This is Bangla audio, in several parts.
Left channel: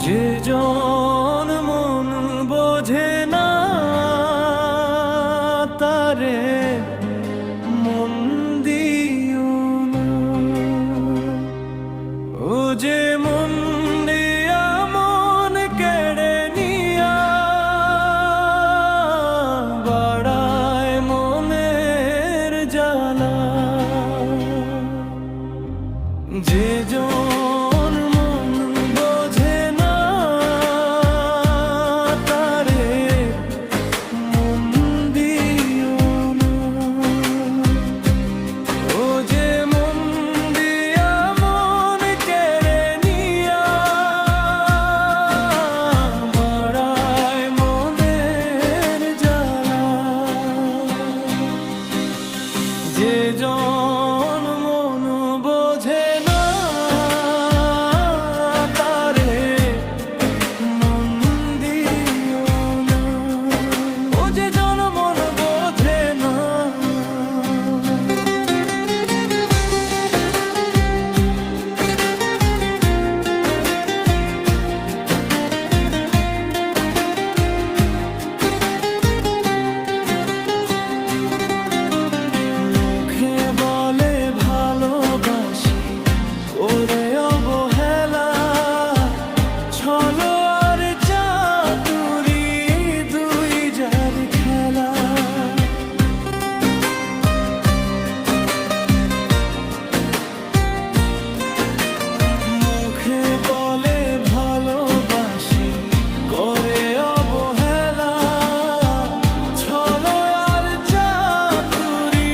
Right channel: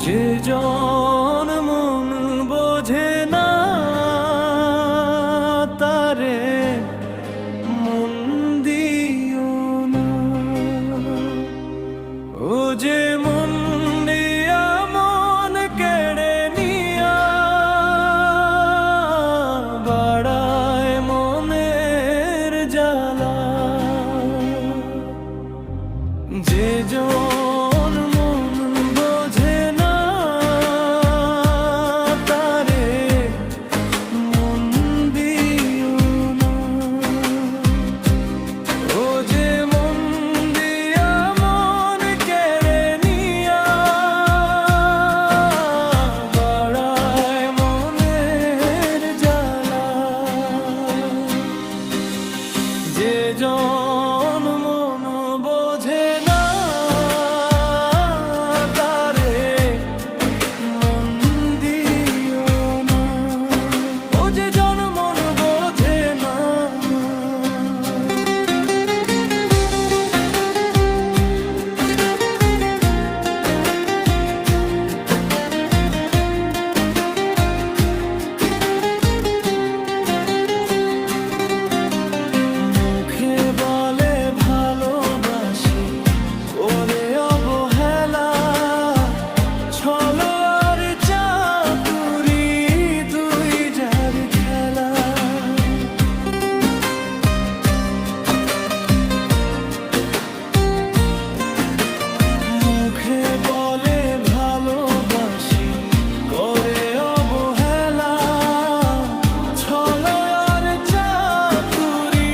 যে জন মন বোঝে না তারে মন দিও না। ও যে মন দিয়া মন কেড়ে নিয়া বাড়ায় মনের জ্বালা। যে জন মন বোঝে না তারে মন দিও না। ও যে মন দিয়া মন কেড়ে নিয়া বাড়ায় মনের জ্বালা। যে জন মন বোঝে না তারে মন দিও না। ও যে জন মন বোঝে না। মুখে বলে ভালোবাসি করে অবহেলা, ছলো আর চাতুরি দুই যার খেলা। মুখে বলে ভালোবাসি করে অবহেলা, ছলো আর চাতুরি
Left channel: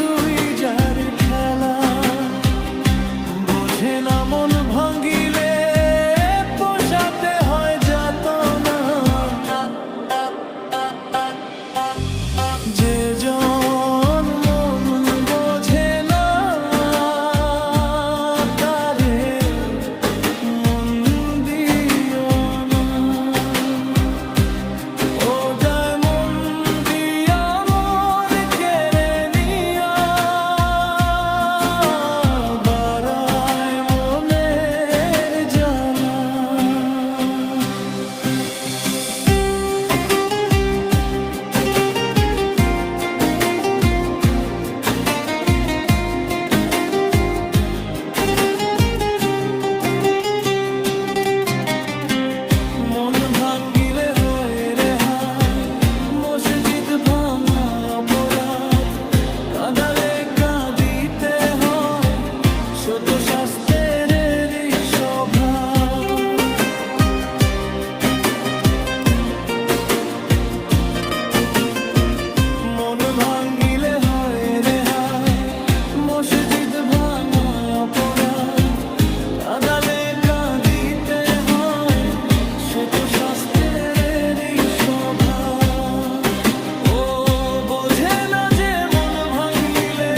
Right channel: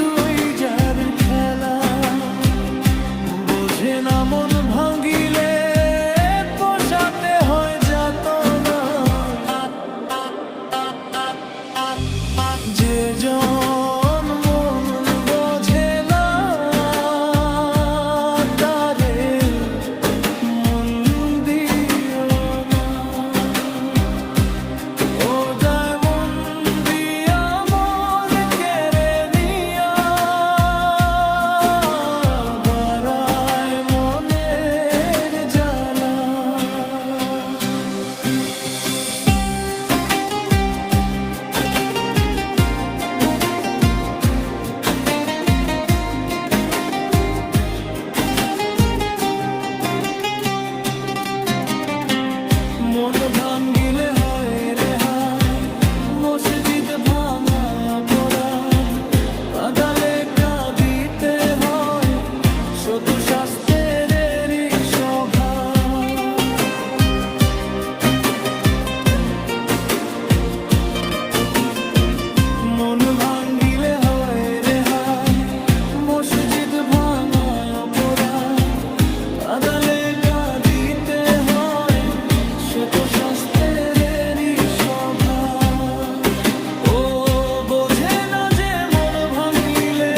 দুই যার খেলা। বোঝে না মন ভাঙ্গিলে পোষাতে হয় যাতনা। যে জন মন বোঝে না তারে মন দিও না। ও যায় মন দিয়া মন কেড়ে নিয়া বাড়ায় মনের জ্বালা। মন ভাঙ্গিলে হয় রেহাই, মসজিদ ভাঙায় অপরাধ। কাঁদালে কাঁদিতে হয়, শত শাস্ত্রেরই স্বভাব। মন ভাঙ্গিলে হয় রেহাই, মসজিদ ভাঙায় অপরাধ। কাঁদালে কাঁদিতে হয়, সে তো শাস্ত্রেরই স্বভাব। ও বোঝে না যে মন ভাঙিলে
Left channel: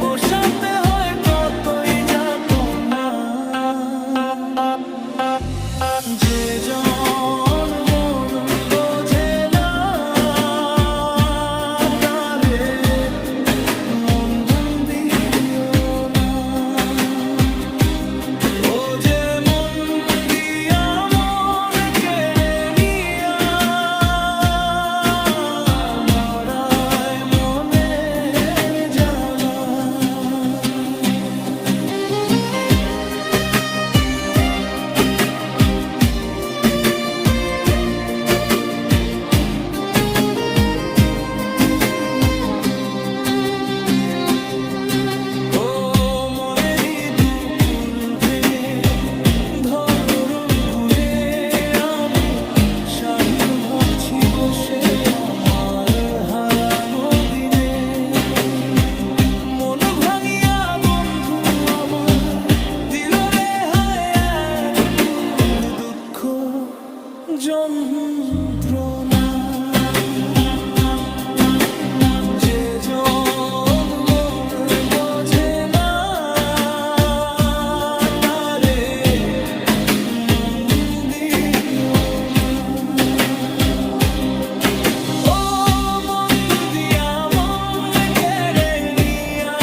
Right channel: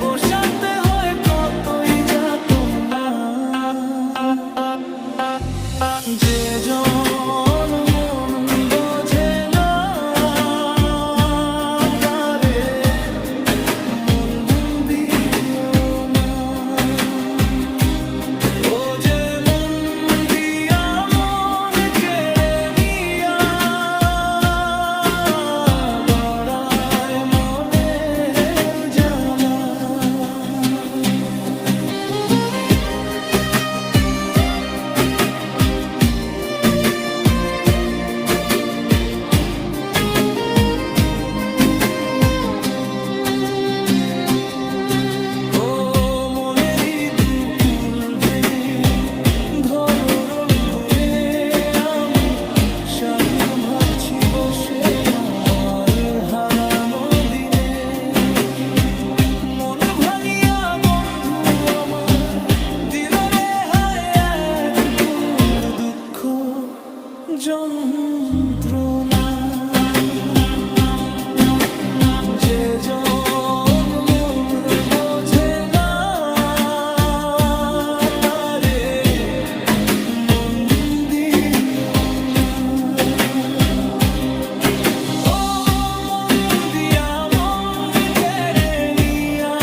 পোষাতে হয় কতই যাতনা। যে জন মন বোঝে না তারে মন দিও না। ও যে মন দিয়া মন কেড়ে নিয়া বাড়ায় মনের জ্বালা। ও মনেরই দুকুল ভেঙে ধরোর গুণে আমি স্বাধীন ভাবছি বসে আমার হারানো দিনে। মন ভাঙিয়া বন্ধু আমার দিল রে হায় এক বুক দুঃখ যন্ত্রণা। যে জন মন বোঝে না তারে মন দিও না। ও মন দিয়া মন কেড়ে নিয়া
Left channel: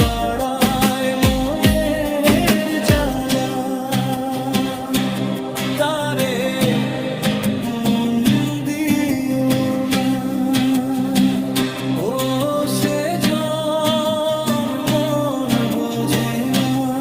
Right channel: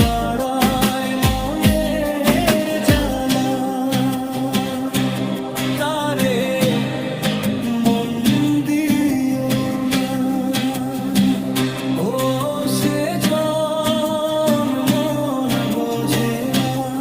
বাড়ায় মনের জ্বালা। মন দিও না। ও সে জন মন বোঝে না।